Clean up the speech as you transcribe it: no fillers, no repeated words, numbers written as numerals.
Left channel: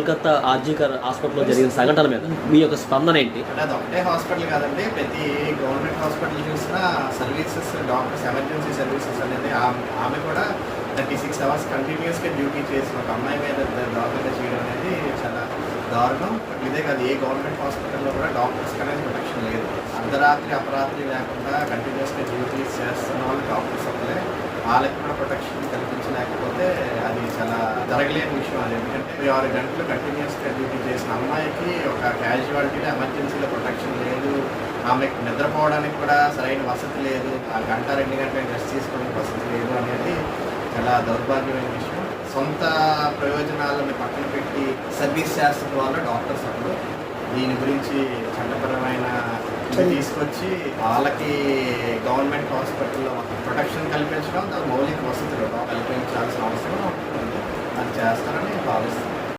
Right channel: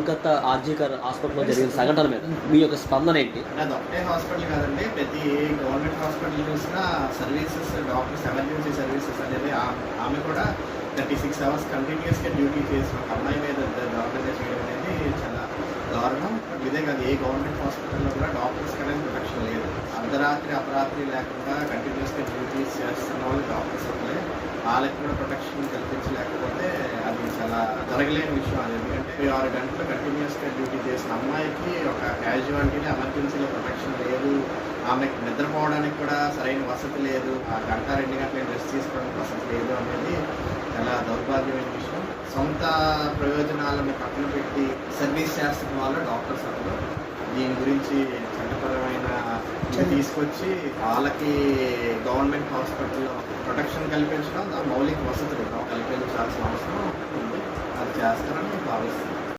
కోల్కతా ఆర్జీకర్ హాస్పిటల్లో జరిగిన సంఘటన మీద మీ యొక్క స్పందన ఏంటి? అంటే అది ఒకటే హాస్పిటల్ కాదండి, ప్రతి గవర్నమెంట్ హాస్పిటల్ చూసినా సర్వీసెస్, డాక్టర్స్, ఎమర్జెన్సీ సర్వీసెస్ అనేది ఆమె కూడా 36 hours కంటిన్యూస్గా డ్యూటీ చేసిన ఒక అమ్మాయి మీద దాడులు చేయడం అనేది చాలా దారుణం. ఇదే కాదు, ఏ గవర్నమెంట్ హాస్పిటల్లో కూడా డాక్టర్స్ అనేది ప్రొటెక్షన్ లేదు. అర్ధరాత్రి అపరాత్రి లేకుండా కంటిన్యూస్గా డ్యూటీస్ చేస్తున్న వాళ్ళు డాక్టర్స్ అప్పుడే, వాళ్ళకి కూడా ప్రొటెక్షన్ కల్పించలేకపోతే అది చాలా జరగలేని విషయం. అది ఎందుకంటే 6 గంటలు కంటిన్యూస్గా డ్యూటీ చేసిన అమ్మాయికి ఒక క్యాజువాలిటీని ఎమర్జెన్సీలో ప్రొటెక్షన్ లేదు, ఆమెకు నిద్రపోవడానికి కూడా సరైన వసతి లేదు, ఆ గంట 2 గంటలు రెస్ట్ తీసుకోవడానికి వసతి లేదు అనేది చాలా దౌర్భాగ్యమైన విషయం. సొంత ప్రయోజనాలను పక్కన పెట్టి సర్వీస్ చేస్తున్న వాళ్ళు డాక్టర్స్ అప్పుడు దీని గురించి చట్టపరమైన తీసుకొచ్చి వాళ్ళకి గవర్నమెంట్ హాస్పిటల్లో ప్రొటెక్షన్ కల్పించడం, దాని మౌలిక వసతులు కల్పించాల్సిన అవసరం ఉంది. అది చేస్తారని భావిస్తున్నాను.